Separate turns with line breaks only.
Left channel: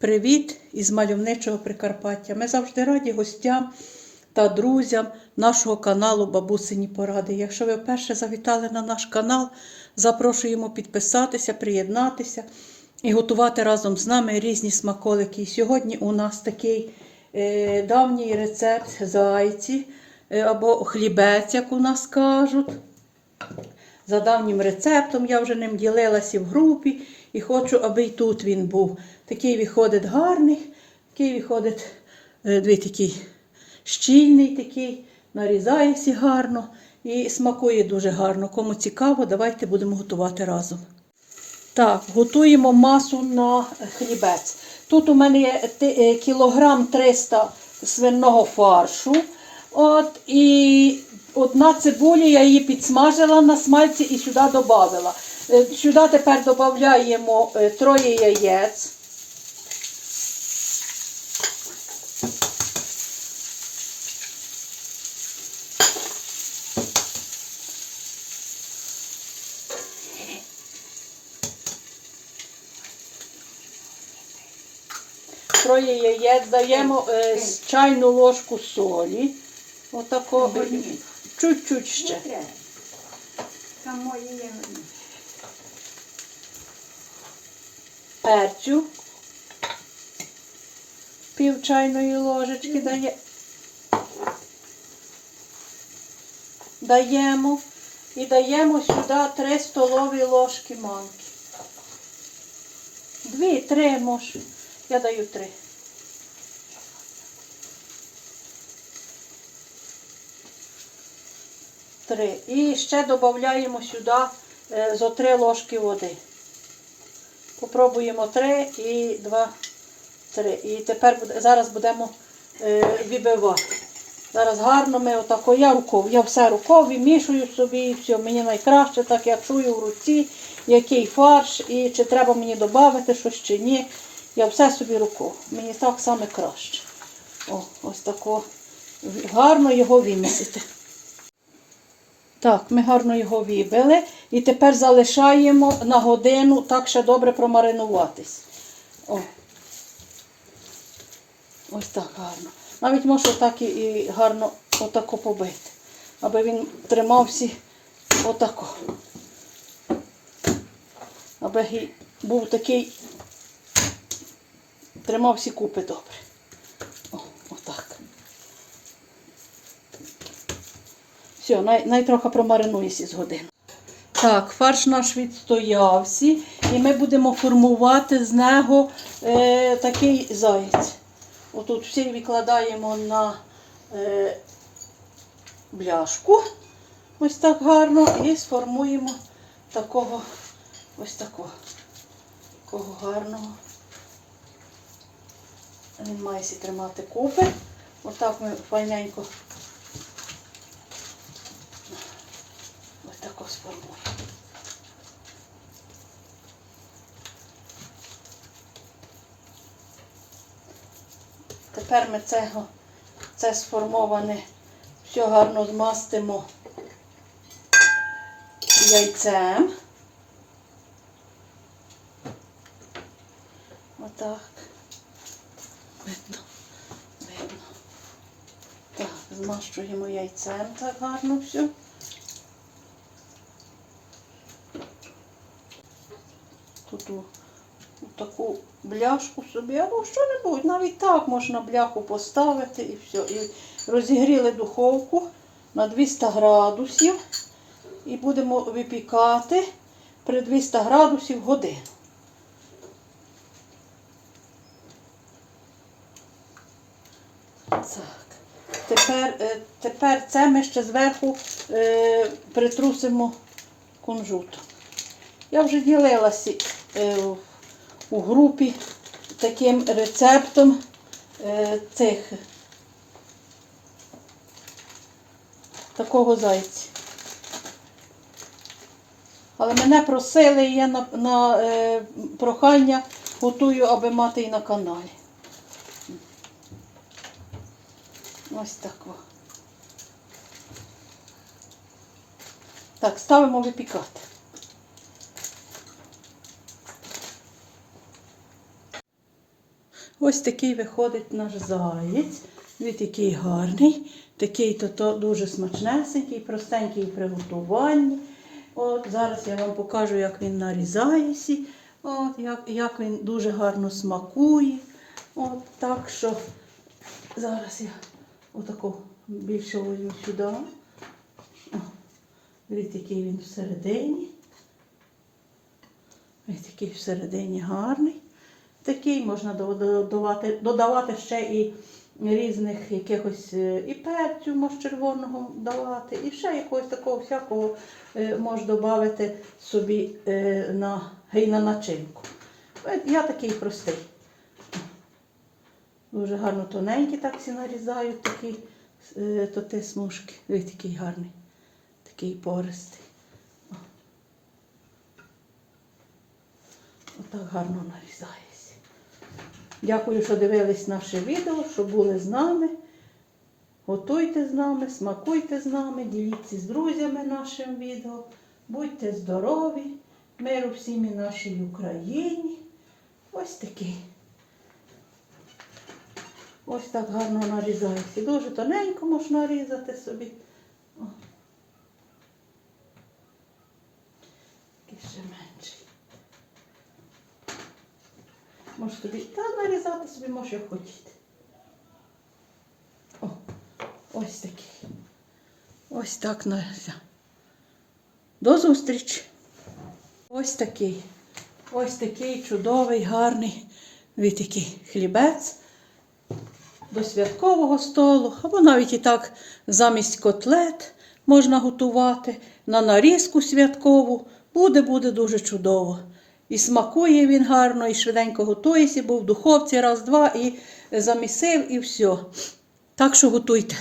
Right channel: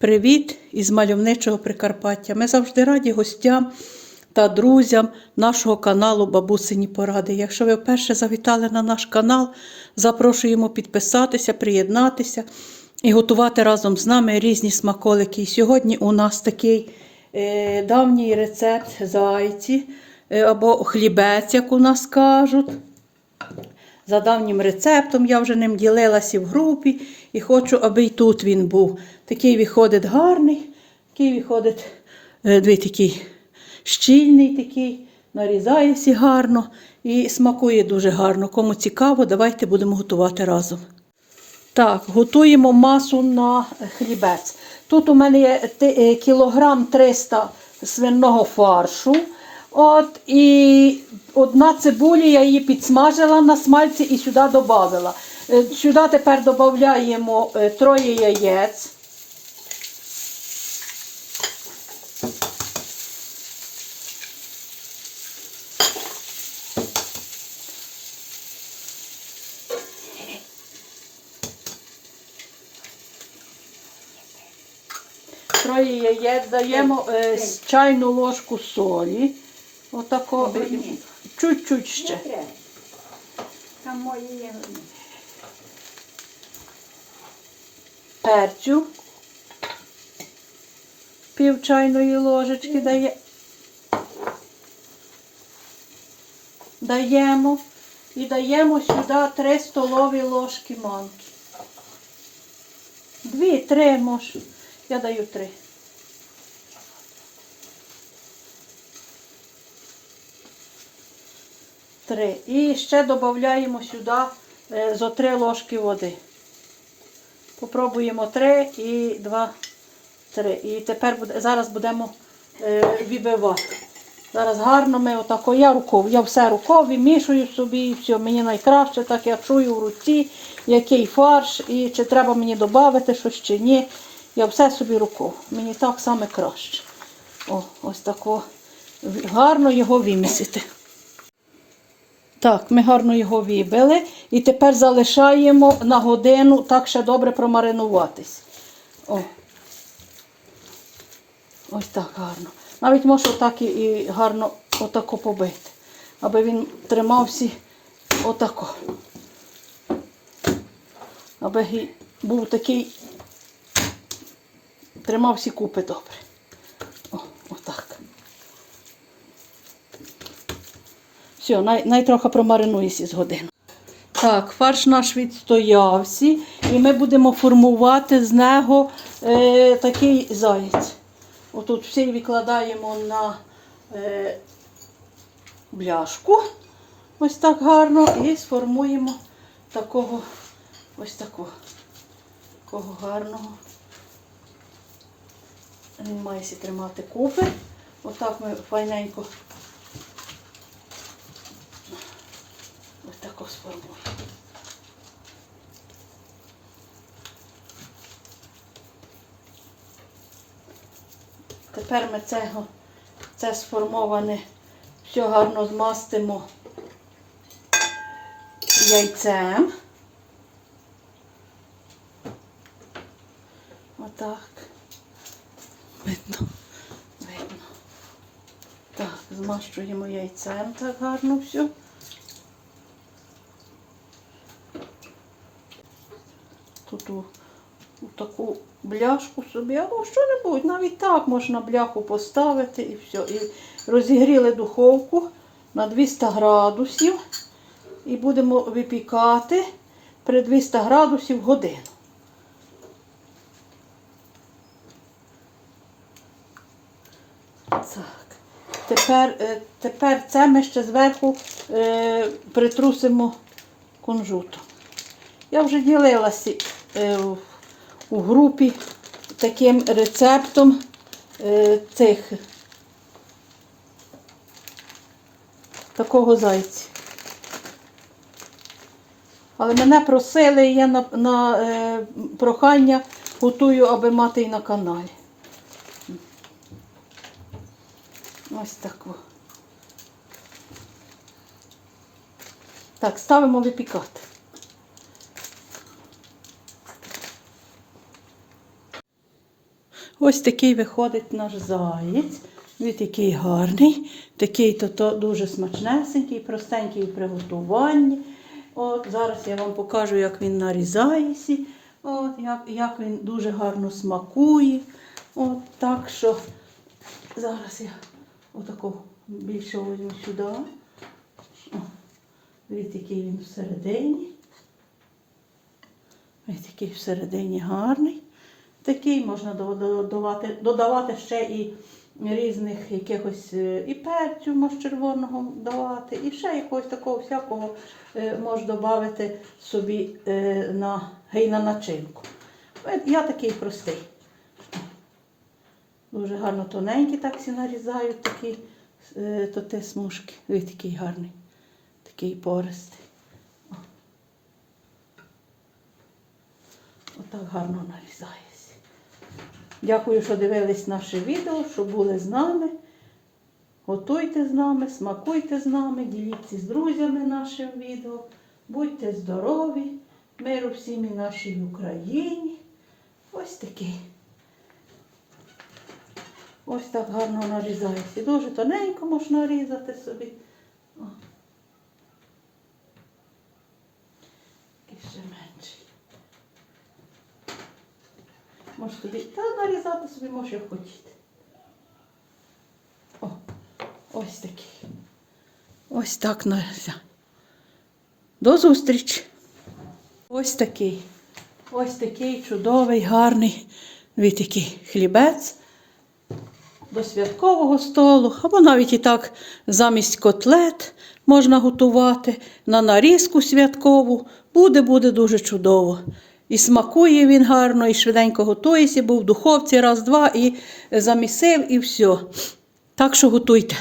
Привіт із мальовничого Прикарпаття. Ми завжди раді гостям та друзям нашого каналу Бабусині Поради. Якщо ви вперше завітали на наш канал, запрошуємо підписатися, приєднатися і готувати разом з нами різні смаколики. І сьогодні у нас такий е, давній рецепт зайці е, або хлібець, як у нас кажуть. За давнім рецептом я вже ним ділилася в групі і хочу, аби і тут він був. Такий виходить гарний, такий виходить е, дві такий щільний, такий, нарізає всі гарно і смакує дуже гарно. Кому цікаво, давайте будемо готувати разом. Так, готуємо масу на хлібець. Тут у мене є е, кілограм 300 свиного фаршу. От, і одна цибуля, я її підсмажила на смальці і сюди додавала. Е, Сюди тепер додаємо е, троє яєць. Троє яєць даємо е, чайну ложку солі. Отако, е, чуть-чуть ще.
Там мої є.
Перцю. Пів чайної ложечки дає. Даємо. І даємо сюди 3 столові ложки манки. Дві, три може. Я даю три. Три. І ще додаємо сюди е, зо три ложки води. Попробуємо три і два, три. І тепер зараз будемо е, вибивати. Зараз гарно ми отако, я руков, я все рукою мішую собі і все. Мені найкраще, так я чую в руці, який фарш, і чи треба мені додати щось чи ні. Я все собі рукою. Мені так саме краще. О, ось тако. Гарно його вимісити. Так, ми гарно його вибили. І тепер залишаємо на годину так ще добре промаринуватись. О. Ось так гарно. Навіть можна так і гарно отако побити, аби він тримався отако. Аби був такий, тримався купи добре. О, отак. Все, най, най трохи промаринується з години. Так, фарш наш відстоявся, і ми будемо формувати з нього е, такий заєць. Отут всі викладаємо на е, бляшку, ось так гарно, і сформуємо такого, ось такого, такого гарного. Він має сі тримати купи. Отак ми файненько ось тако сформуємо. Тепер ми цього, це сформоване все гарно змастимо яйцем. Отак. Видно, видно. Так, змащуємо яйцем так гарно все. Тут у, у таку бляшку собі, або що-небудь, навіть так можна бляху поставити і все. І розігріли духовку на 200 градусів і будемо випікати при 200 градусів годину. Так. Тепер, е, тепер це ми ще зверху е, притрусимо кунжутом. Я вже ділилася у групі таким рецептом е, цих такого зайця. Але мене просили, і я на, на е, прохання готую, аби мати і на каналі. Ось тако. Так, ставимо випікати. Ось такий виходить наш заєць. Він такий гарний, такий то, то дуже смачнесенький, простенький в приготуванні. От, зараз я вам покажу, як він нарізається. От, як, як він дуже гарно смакує. От, так що зараз я отаку більше возьму сюди. О, Дивіться, який він всередині. Ось такий всередині гарний. Такий можна додавати, додавати ще і різних якихось е, і перцю може червоного давати, і ще якогось такого всякого е, можна додати собі е, на, гей, на начинку. Я такий простий. Дуже гарно тоненькі так всі нарізають такі то те смужки. Ой, такий гарний, такий пористий. Отак гарно нарізається. Дякую, що дивились наше відео, що були з нами. Готуйте з нами, смакуйте з нами, діліться з друзями нашим відео. Будьте здорові, миру всім і нашій Україні. Ось такий. Ось так гарно нарізається. Дуже тоненько можна нарізати собі. О. І ще менший. Може тобі та нарізати собі, може як хочете. О, ось такий. Ось так наріза. До зустрічі. Ось такий. Ось такий чудовий, гарний такий хлібець до святкового столу, або навіть і так замість котлет можна готувати на нарізку святкову. Буде, буде дуже чудово. І смакує він гарно, і швиденько готується, був в духовці раз-два і замісив, і все. Так що готуйте.